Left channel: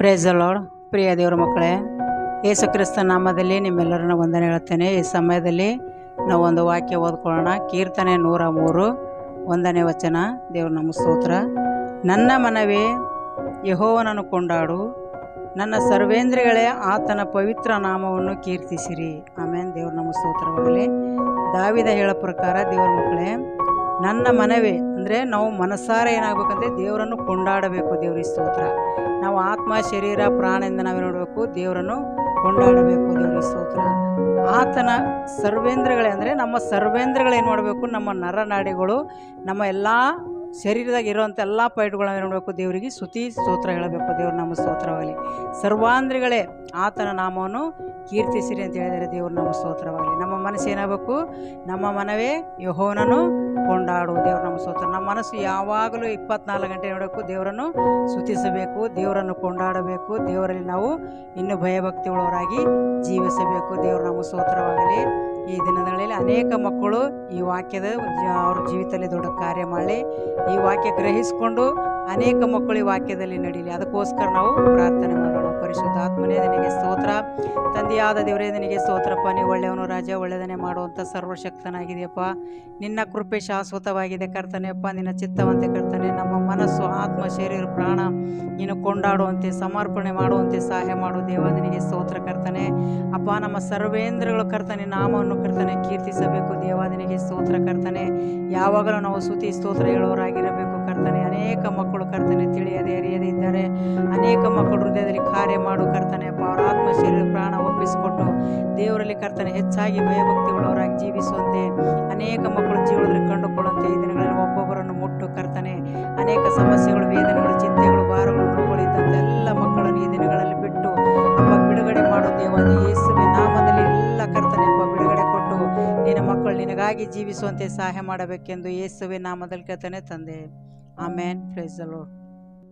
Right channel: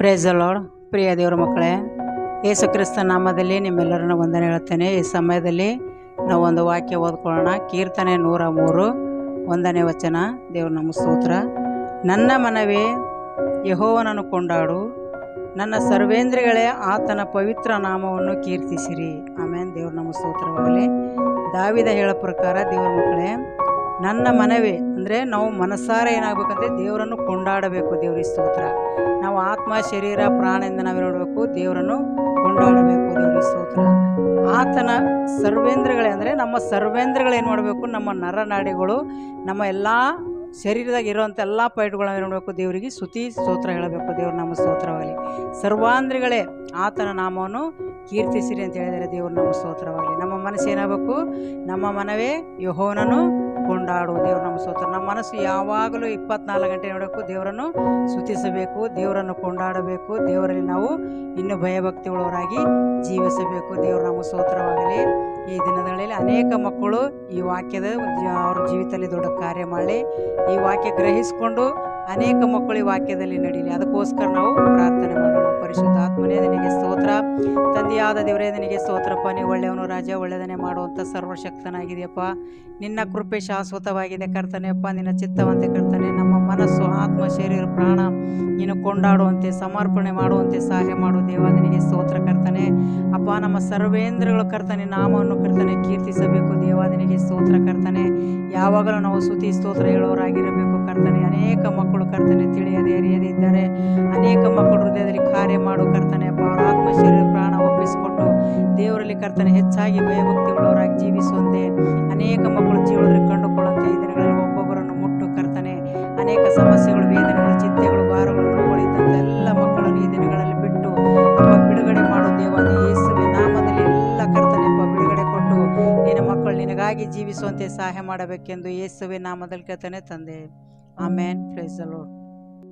Price the lord. ಪ್ರಿಯ ದೇವರ ಮಕ್ಕಳೇ, ಯೇಸು ಕ್ರಿಸ್ತ ನಾಮದಲ್ಲಿ ನಿಮ್ಮೆಲ್ಲರನ್ನ ವಂದನೆ ಹೇಳ್ತೇನೆ. ಈ ಸಮಯದಲ್ಲಿ ನಾವು ಒಂದು ವಾಕ್ಯ ಓದ್ಕೊಳ್ಳೋಣ. ಕೀರ್ತನೆ 103 1ನೇ ವಚನ. ದೇವ್ರ ನಮ್ಮ ಸ್ತೋತ್ರ. ನನ್ನ ಮನವೇ ಯೆಹೋವನನ್ನು ಕೊಂಡಾಡು, ನನ್ನ ಸರ್ವೇಂದ್ರಿಗಳೇ ಆತನ ಪವಿತ್ರ ನಾಮವನ್ನು ಕೀರ್ತಿಸಿರಿ. ಆಮೇನ್. ದೇವ್ರ ನಮ್ಮ ಸ್ತೋತ್ರವಾಗಲಿ. ದಾವಿದ ಹೇಳೋ ಪ್ರಕಾರ ದೇವ್ರ ಮಕ್ಕಳೇ, ನನ್ನ ಮನವೇ ಅಂದರೆ ನಾವು ಮನಸ್ಸಾರೆ ಏನಾಗಬೇಕಂದ್ರೆ ದೇವರನ್ನು ಕೊಂಡಾಡಬೇಕು. ದೇವ್ರಿಗೆ ಸ್ತೋತ್ರ. ನಾವು ಆತ್ಮ ಶರೀರ ಪ್ರಾಣದಿಂದ ನಾವು ನೋಡಬೇಕು, ದೇವರನ್ನು ಕೊಂಡಾಡಬೇಕು. ದೇವ್ರಿಗೆ ಸ್ತೋತ್ರ. ಆತನ ಸರ್ವೇಂದ್ರಗಳೇ ಅಂದರೆ ನಮ್ಮ ಸರ್ವೇಂದ್ರಗಳು ಏನು ಮಾಡಬೇಕು, ನಮ್ಮ ನರನಾಡಿಗಳು, ನಮ್ಮ ಎಲ್ಲ ಶರೀರದಾಗ ಇರೋವಂಥ ಎಲ್ಲ ಪೈಟ್ಗಳನ್ನ ನೋಡಬೇಕು, ದೇವರಿಗೆ ಸ್ತುತಿ ಸ್ತೋತ್ರ ಹೇಳಬೇಕು. ದೇವ್ರ ನಮ್ಮ ಸ್ತೋತ್ರವಾಗಲಿ. ಸರ್ವಾಂದ್ರಿಗಳೇ ಆತನ ನಾಮವನ್ನು ಕೀರ್ತಿಸಿರಿ ಅಂತ ಹೇಳಿದರೆ ದೇವ್ರ ನಮ್ಮ ಸ್ತೋತ್ರವಾಗಲಿ. ನಮ್ಮ ಮನಸ್ಸು ಏನಾಗಬೇಕು, ನಮ್ಮ ಮನವೇ ಯೆಹೋವನನ್ನು ಕೊಂಡಾಡು. ದೇವ್ರ ನಮ್ಮ ಸ್ತೋತ್ರ. ನಮ್ಮ ಮನಸ್ಸು ಯಾವಾಗಲೂ 24 ಗಂಟೆ ನೋಡಬೇಕು, ದೇವರನ್ನು ಸ್ತುತಿಸಬೇಕು, ದೇವರನ್ನು ಕೊಂಡಾಡಬೇಕು, ದೇವರಲ್ಲಿ ನಾವು ಇನ್ನೂ ಭಯಭಕ್ತಿಯುಳ್ಳವರಾಗಿ ಜೀವಿಸಬೇಕು. ದೇವ್ರ ನಮ್ಮ ಸ್ತೋತ್ರವಾಗಲಿ. ಈ ದಿನಗಳಲ್ಲಿ ಅನೇಕ ಮಕ್ಕಳು ಈ ವಾಕ್ಯದ ಅವ್ರ ಜೀವಿತದಲ್ಲಿ ದೊಡ್ಡ ಕಾರ್ಯ ಮಾಡಲಿ. ಈ ವಾಕ್ಯ ಗ್ರಹಿಸಿಕೊಂಡು ಅನೇಕ ಮಕ್ಕಳು ಈ ವಾಕ್ಯದಲ್ಲಿ ನಡೀಲಿ. ಅದಕ್ಕೋಸ್ಕರ ನಾವು ಪ್ರಾರ್ಥನೆ ಮಾಡೋಣ. ಪರಿಶುದ್ಧಾತ್ಮನೇ ನಿನಗೆ ಸ್ತೋತ್ರ. ತಂದೆಯಾದ ದೇವರೇ ನಿನಗೆ ಸ್ತೋತ್ರಪ್ಪ. ನೀವು ಒಳ್ಳೆಯವನು ರಾಜ, ಒಳ್ಳೆಯದನ್ನೇ ಮಾಡುವಂಥ ಸರ್ವಶಕ್ತನಾಗಿದೆಯಪ್ಪ. ನಿನ್ನ ಕೃಪೆ ಶಾಶ್ವತವಾಗಿದೆ ಕರ್ತನೆಯಪ್ಪ. ನಿನ್ನ ಚಿತ್ತವಂತೆ ಕರ್ತನೆ, ನಮ್ಮ ಮನಸ್ಸು ಆತ್ಮ ಶರೀರ ಪ್ರಾಣ ನೀನು ಕೊಂಡಾಡುವಂತೆ ಸಮರ್ಪಣೆ ಮಾಡುವಂತೆ ಸಹಾಯ ಮಾಡು ದೇವ. ನಿನಗೆ ಸ್ತೋತ್ರ ಕರ್ತನೆ ಅಪ್ಪ. ನಮ್ಮ ಸರ್ವೇಂದ್ರಗಳು ಕರ್ತನೆ ನಾಮವನ್ನು ಕರ್ತನೆ ಕೀರ್ತಿಸಬೇಕು ದೇವ. ನಿನಗೆ ಸ್ತೋತ್ರ ಕರ್ತನೆ. ಯಾವಾಗಲೂ ನಾವು ಸ್ತುತಿ ಸ್ತೋತ್ರ ಹೇಳೋರಾಗಿರಬೇಕು ಕರ್ತನೆ. ಅನೇಕ ಮಕ್ಕಳು ಕರ್ತನೆ ತಿಳಿಯದೆ ಅರಿಯದೆ ಇದ್ದಾರೆ. ಅನೇಕ ಮಕ್ಕಳು ಹೃದಯದಲ್ಲಿ ಕಾರ್ಯ ಮಾಡು ಕರ್ತನೆ ಅಪ್ಪ. ಅವರ ಆತ್ಮ ಶರೀರ ಪ್ರಾಣ ಒಪ್ಪಿಸಿಕೊಟ್ಟು ದೇವರಲ್ಲಿ ಕರ್ತನೆ ಹೆಚ್ಚಾಗಿ ಭಯಭಕ್ತಿ ಉಳ್ಳವರಾಗಿ ಜೀವಿಸುವಂತೆ, ಅನೇಕ ಮಕ್ಕಳು ಜೀವನದಲ್ಲಿ ಕಂಡುಕೊಳ್ಳುವಂತೆ ಈ ದಿನಗಳಲ್ಲಿ ಒಬ್ಬೊಬ್ಬರನ್ನು ಮುಟ್ಟು ಕರ್ತನೆ. ಅನೇಕ ಸಮಸ್ಯೆಗಳು, ವೇದನೆಗಳು, ಚಿಂತೆಗಳು, ಭಾರಗಳು, ನೋವುಗಳು ಇದ್ದಂಥ ಎಲ್ಲ ಮಕ್ಕಳನ್ನು ಈ ದಿನಗಳಲ್ಲಿ ಬಿಟ್ಟು ಅಪ್ಪ ಬಿಡುಗಡೆ ಮಾಡು ದೇವ. ಯೇಸುವಿನ ನಾಮದಲ್ಲಿ ಎಲ್ಲ ಕರ್ತನೆ ಅಪ್ಪ ಬಿಡುಗಡೆ ಕೊಟ್ಟು ನಿನ್ನ ಮಕ್ಕಳು ನಿನಗಾಗಿ ಜೀವಿಸುವಂತೆ ಸಹಾಯ ಮಾಡಬೇಕೆಂದು ಯೇಸುವಿನ ನಾಮದಲ್ಲಿ ಕರ್ತನೆ ತಂದೆ. ಆಮೇನ್. Praise the lord.